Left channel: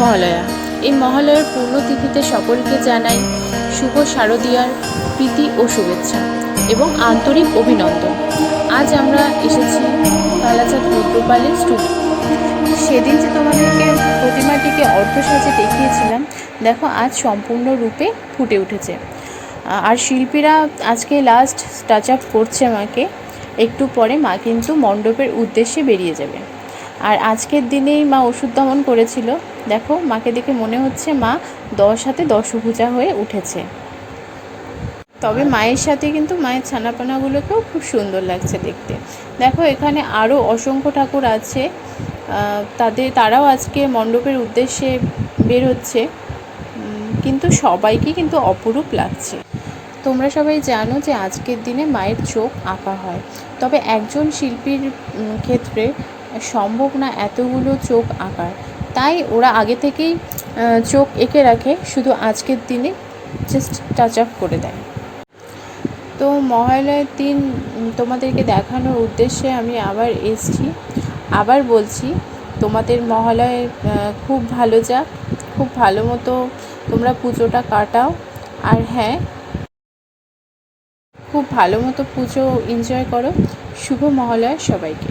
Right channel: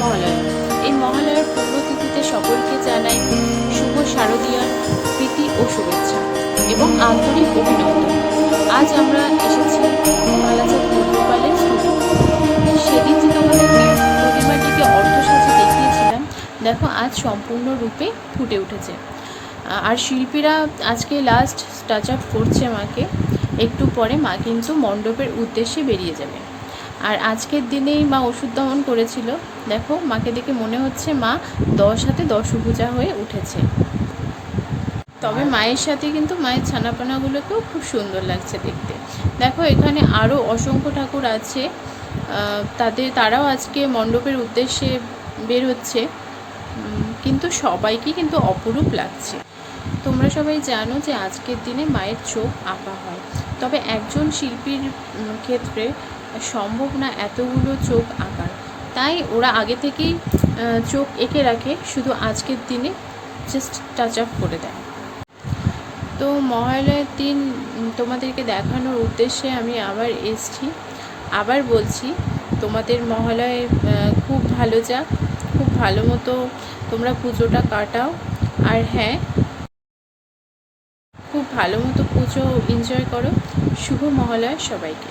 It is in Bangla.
মহালয়া। এই মহালয়ার পুণ্যতিথিতে সকলকে জানাই শুভ শারদীয়ার প্রীতি ও শুভেচ্ছা এবং আন্তরিক অভিনন্দন। আজ আমরা এসেছি কালাচাঁদ রুদ্রপালের স্টুডিও। সেদিন যে তোমাদেরকে প্রতিমাটিকে অর্ধসাজে দেখিয়েছিলাম, দেখো আজ সম্পূর্ণরূপে ফুটে উঠেছে। আর শিল্পীরা আজকে লাস্ট টাচ আপ করছে মাকে। একটু পরে মা কিন্তু মণ্ডপের উদ্দেশ্যে বেরিয়ে যাবে। আর আজকের দিনেই মা ওষুধ দমন করেছিল। দেখো মাকে দেখে মনে হচ্ছে মা 10 হাতে 10 ভুজা হয়ে উঠেছে। তবে মায়ের সাথে কিন্তু মায়ের ছানাপোনাগুলোকেও খুব সুন্দর লাগছে দেখতে। দেখো এখানে আরও অসংখ্য ঠাকুর আছে, তারাও আজকে মণ্ডপের উদ্দেশ্যে বের হচ্ছে, কিন্তু সবাইকে কিন্তু অপরূপ লাগছে। তোমরা সবাই জানো যে আজকের দিনে মায়ের চোখ আঁকা হয়, তবে একজন শিল্পীর ক্ষেত্রে সম্ভব না এতগুলো চোখ আঁকার, তাই ওরা আগে থেকেই চোখ এঁকে রাখে, শুধু আজকের দিনে জাস্ট টাচ আপ করে দেয়। তো মহালয়ার দিন তোমাদেরকে দেখানোর উদ্দেশ্যে আমি আবার এসেছি। আবার বলছি, তোমাদের মহালয়ের খুব ভালো যাক, খুব ভালো মতো তোমরা পুজোটা কাটাও। আর হ্যাঁ, খুব ভালো মতো পুজো এনজয় করো। শুভ মহালয়া সবাইকে।